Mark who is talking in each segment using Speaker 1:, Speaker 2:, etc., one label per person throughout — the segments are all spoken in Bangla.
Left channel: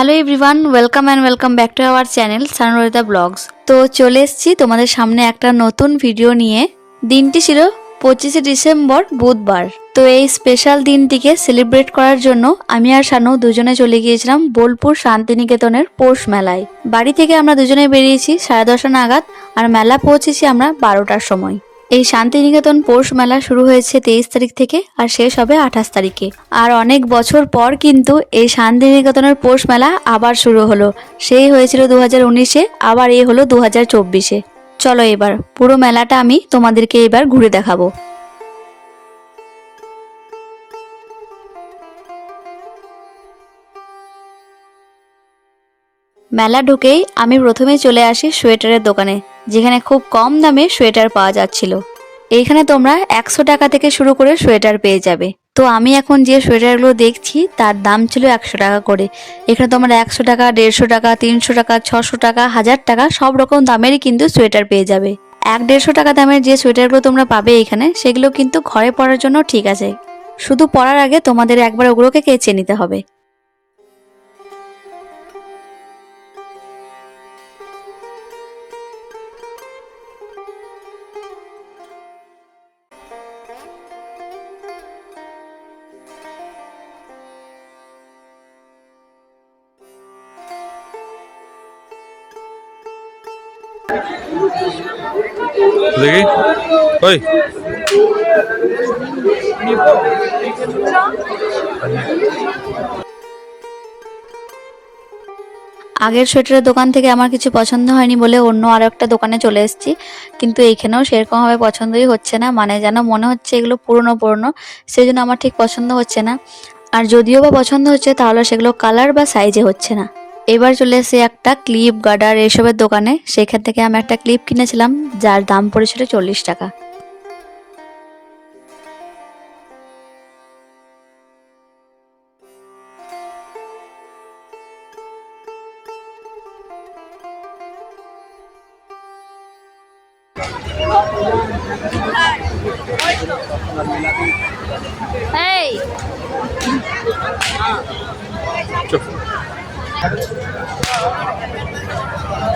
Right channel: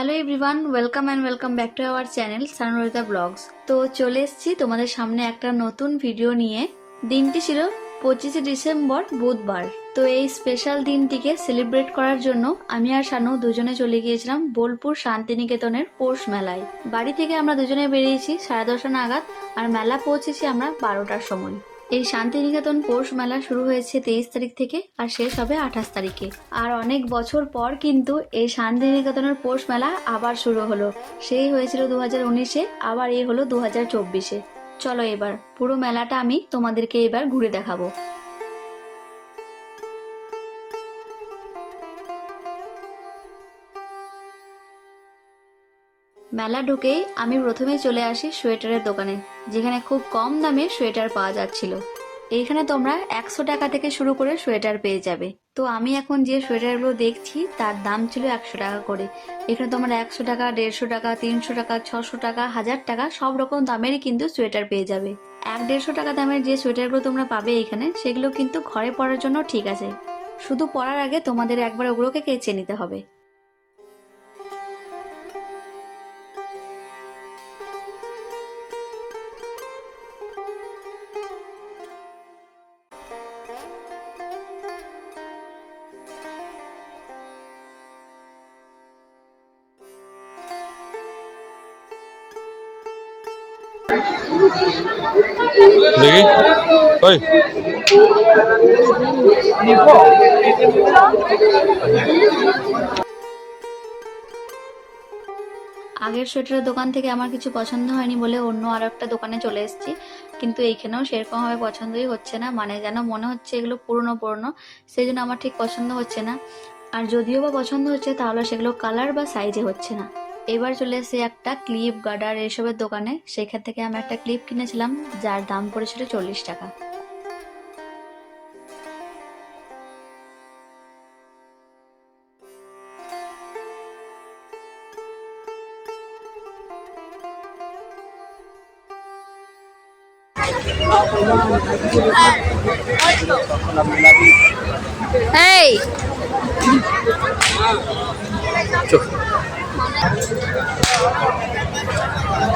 Speaker 1: Hello everyone welcome and welcome back to our channel Sanrita blogs তো চলে এসেছি তোমাদের সামনে একটা নতুন ভিডিও নিয়ে। দিনটি ছিল পঁচিশে ডিসেম্বর, বুধবার। তো এই স্পেশাল দিনটিকে সেলিব্রেট করার জন্য আমি আর শানু দুজনে চলে গিয়েছিলাম বোলপুর শান্তিনিকেতনের পৌষ মেলায়। বাড়ি থেকে আমরা দুজনে বেরিয়েছি সাড়ে দশটা নাগাদ, আর মেলা পৌঁছেছি আমরা বারোটার সময়। এই শান্তিনিকেতন পৌষ মেলা শুরু হয়েছে তেইশ তারিখ থেকে আর শেষ হবে আঠাশ তারিখে। আর অনেক বছর পর কিন্তু এই শান্তিনিকেতনের পৌষ মেলা আবার শুরু হলো। সেই হয়েছিল দু হাজার উনিশে, আবার এ হলো দু হাজার চব্বিশে। চলো এবার পুরো মেলাটা আমি তোমাদেরকে এবার ঘুরে দেখাবো। মেলা ঢুকেই আমি প্রথমেই চলে আসি সোয়েটারের দোকানে, যেখানে খুব কম দামে সোয়েটার পাওয়া যাচ্ছিল। এইখানে তোমরা একশো টাকা থেকে শুরু করে সোয়েটার পেয়ে যাবে। তো আমি এখন যে সোয়েটারগুলো দেখছি, তার দাম ছিল একশো টাকা করে। এখানে তোমরা একশো টাকা, দেড়শো টাকা, তিনশো টাকা, ছশো টাকা, হাজার টাকা, সব রকম দামেরই কিন্তু সোয়েটার পেয়ে যাবে। এক দেড়শো টাকা দামের যে সোয়েটারগুলো তোমরা পাবে এখানে, সেগুলো কিন্তু ঘরে পরার জন্য ঠিক আছে। শুধু পরার আগে তোমাদের একবার ওগুলোকে কেচে নিতে হবে। আগের সোয়েটারের দোকান থেকে আমার কিছু পছন্দ হয়নি বলে অন্য আরও একটা দোকানে চলে এসেছি। কিন্তু এইখানেও সেরকমভাবে পছন্দই হচ্ছে না। মানে যেন মনে হচ্ছে এগুলো পুরনো পুরনো। সেই জন্য আমার ঠিক পছন্দ হচ্ছে না। আর যদিও বা পছন্দ হচ্ছে, তাহলে সেগুলো কালার বা সাইজে হচ্ছে না। এবার চলে এসে একটা ক্লিপ গার্ডার এসবের দোকানে। সেখান থেকে আমি একটা ক্লিপ কিনেছিলাম, যার দাম পড়েছিল চল্লিশ টাকা। এই।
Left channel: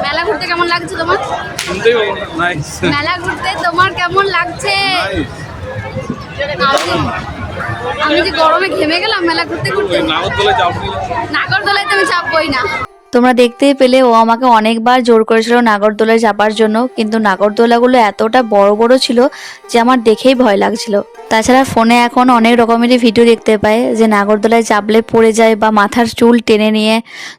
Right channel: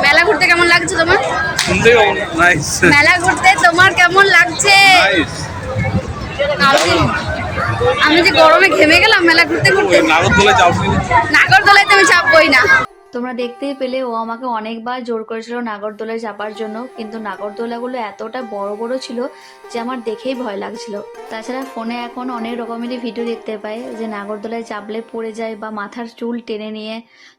Speaker 2: মেলা ঘুরতে কেমন লাগছে তোমার? মেলা ঘুরতে তোমার কেমন লাগছে? আমি যে- গরমে ঘেমে গেলাম মেলা ঘুরতে ঘুরতে। নাগরদোলায় তো আমি চাপবই না।
Speaker 1: তোমরা দেখতেই পেলে ও আমাকে অনেকবার জোর করেছিল নাগরদোলায় চাপার জন্য, কিন্তু নাগরদোলাগুলো এতটা বড় বড় ছিল যে আমার দেখেই ভয় লাগছিল। তাছাড়া ফোনে এখন অনেক রকমেরই ভিডিও দেখতে পায় যে নাগরদোলায় চাপলে পড়ে যায় বা মাথার চুল টেনে নিয়ে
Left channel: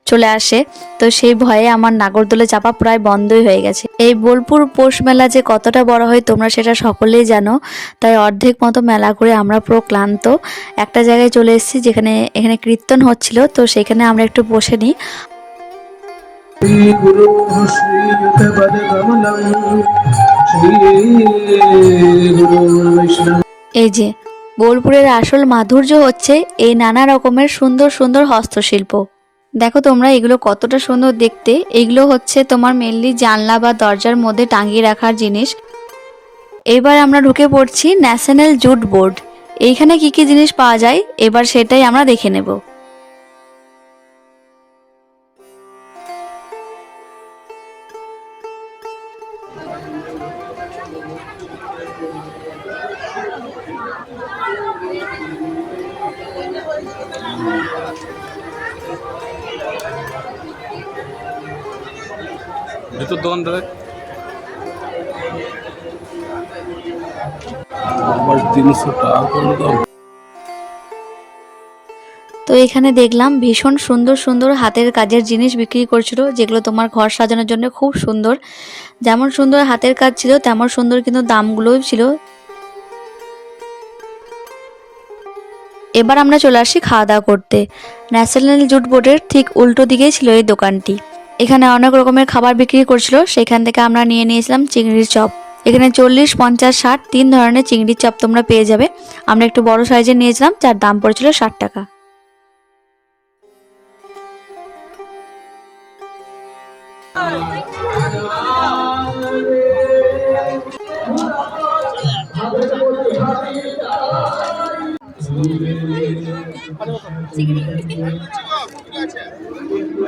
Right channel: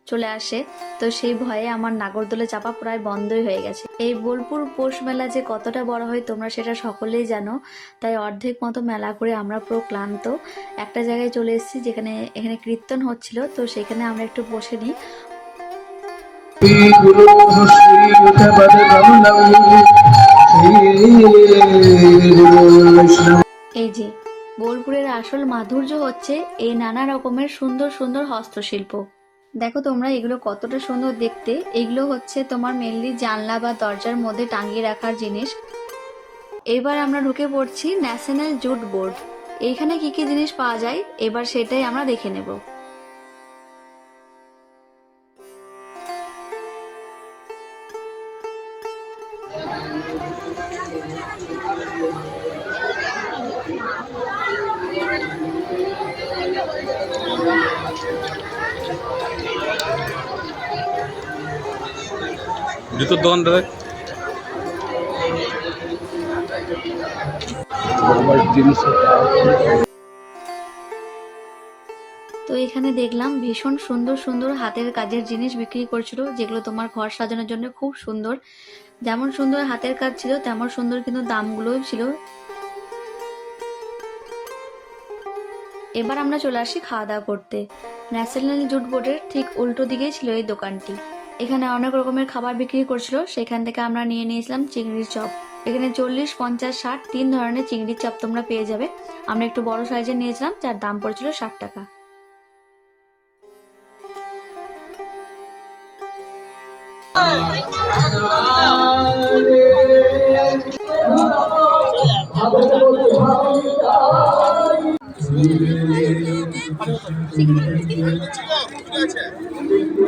Speaker 1: চলে আসে। তো সেই ভয়ে আমার নাগরদোলা চাপা প্রায় বন্ধই হয়ে গেছে। এই বোলপুর পৌষ মেলা যে কতটা বড় হয় তোমরা সেটা সকলেই জানো। তাই অর্ধেক মতো মেলা করে আমরা পুরো ক্লান্ত। একটা জায়গায় চলে এসেছি যেখানে, এখানে কীর্তন হচ্ছিল, তো সেখানে আমরা একটু বসে নিই।
Speaker 3: श्री गुरु श्रीयुत पद कमलम श्री गुरु वैष्णव
Speaker 1: এই যে বোলপুরের আসল মাধুর্য হচ্ছে এই নানা রকমের সুন্দর সুন্দর হস্তশিল্প দেখো তোমরা এগুলো কতটা সুন্দর দেখতে এগুলো হচ্ছে তোমার মেনলি জানলা বা দরজার মধ্যে টাঙিয়ে রাখার জিনিস এবার আমরা ঢুকে পড়ছি ন্যাশনাল জুট বোর্ড এইখানে কি কি জিনিস পাওয়া যায় এবার সেটাই আমরা দেখে নেব
Speaker 4: জুতোর দোকান দাদা?
Speaker 3: তিনশো টাকা
Speaker 1: তো এখানে দেখলাম ভীষণ সুন্দর সুন্দর হাতের কাজের জিনিস বিক্রি করছিল যেগুলো তোমার ঘর সাজানোর জন্য খুব সুন্দর। যেমন সুন্দর হাতের কাজ ছিল তেমন সুন্দর কিন্তু দামগুলোও ছিল। এবার আমরা চলে আসি খাওয়া দাওয়া করতে। ন্যাশনাল জুট বোর্ডের ঠিক উল্টো দিকেই ছিল এই দোকানটি। এখানে অনেক রকমের খাবার বিক্রি করছিল। সেখান থেকে আমরা নিয়ে নিয়েছিলাম চিংড়ির চপ। এখানে চল্লিশ, পঞ্চাশ, ষাট, তিন ধরনের চিংড়ির চপ তোমরা পেয়ে যাবে। আমরা একটু বড় সাইজের নিয়েছিলাম, যার দাম পড়েছিল ষাট টাকা।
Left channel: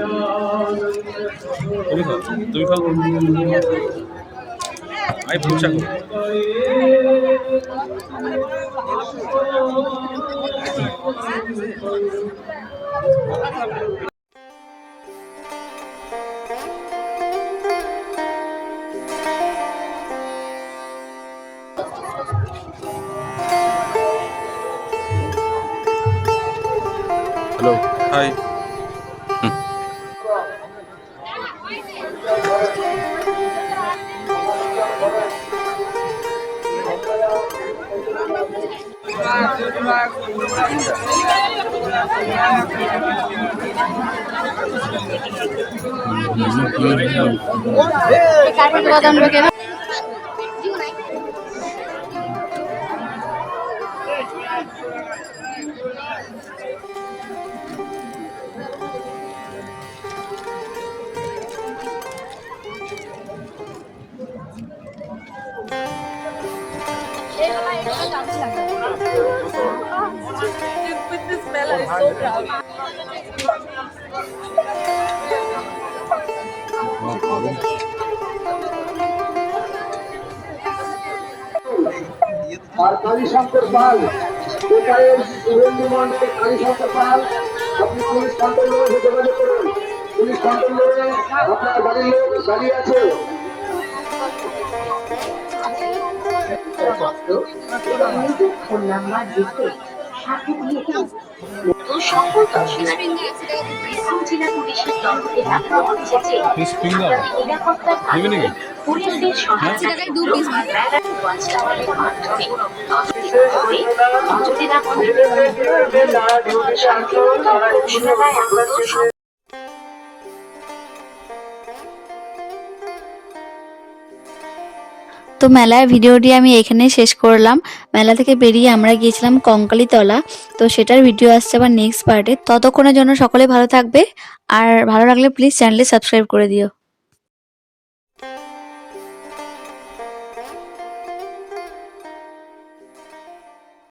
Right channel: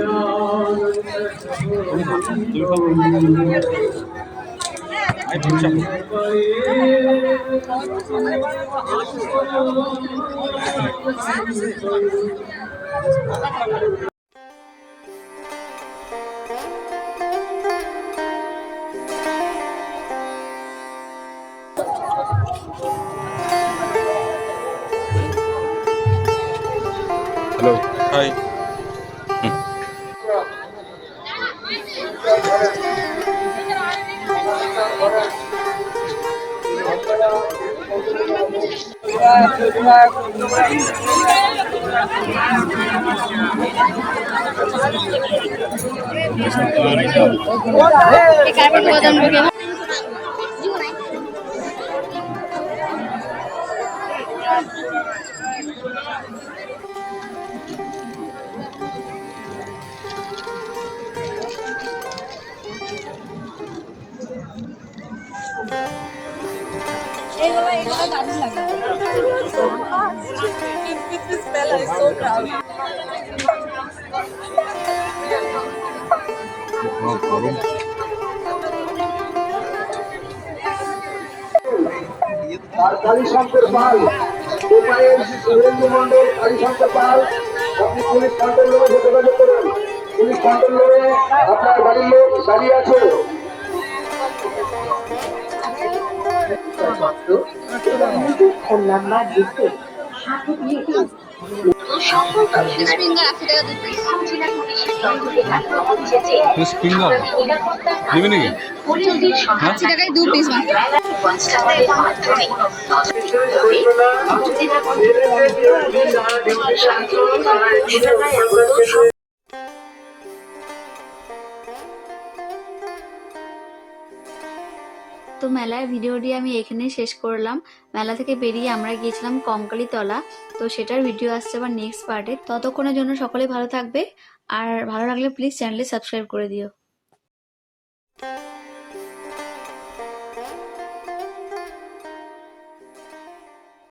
Speaker 3: Tôi
Speaker 4: không, tôi không Ai phụ trợ Hello. Hi.
Speaker 2: এই
Speaker 5: আর কালীশঙ্কর পাল উপায়ের সুরেন্দ্র মন্ডল কালীশঙ্কর পাল আপনি পুলিশ কন্ট্রোল রুমে যোগাযোগ করুন পুলিশ কন্ট্রোল রুমে আপনার বাড়ির লোক দাঁড়িয়ে আছে
Speaker 6: ফোন নাম্বার লিখে সাথে দিন সকল জেলা পুলিশের তহবিলে রাখা হচ্ছে যে? পুলিশদের
Speaker 2: আশি
Speaker 6: সহায়তা
Speaker 2: টাকায় দু পিস
Speaker 6: কনস্টেবলের মাধ্যমে তদন্ত করে
Speaker 1: মেলার ভিডিওটি আমি এখানে শেষ করলাম। মেলা থেকে বেরিয়ে আমরা গিয়েছিলাম কঙ্কালিতলা। তো সেটার ভিডিও আসছে আবার নেক্সট পার্টে ততক্ষণের জন্য সকলে ভালো থাকবে। আর ভালো লাগলে প্লিজ চ্যানেলে সাবস্ক্রাইব করে দিও।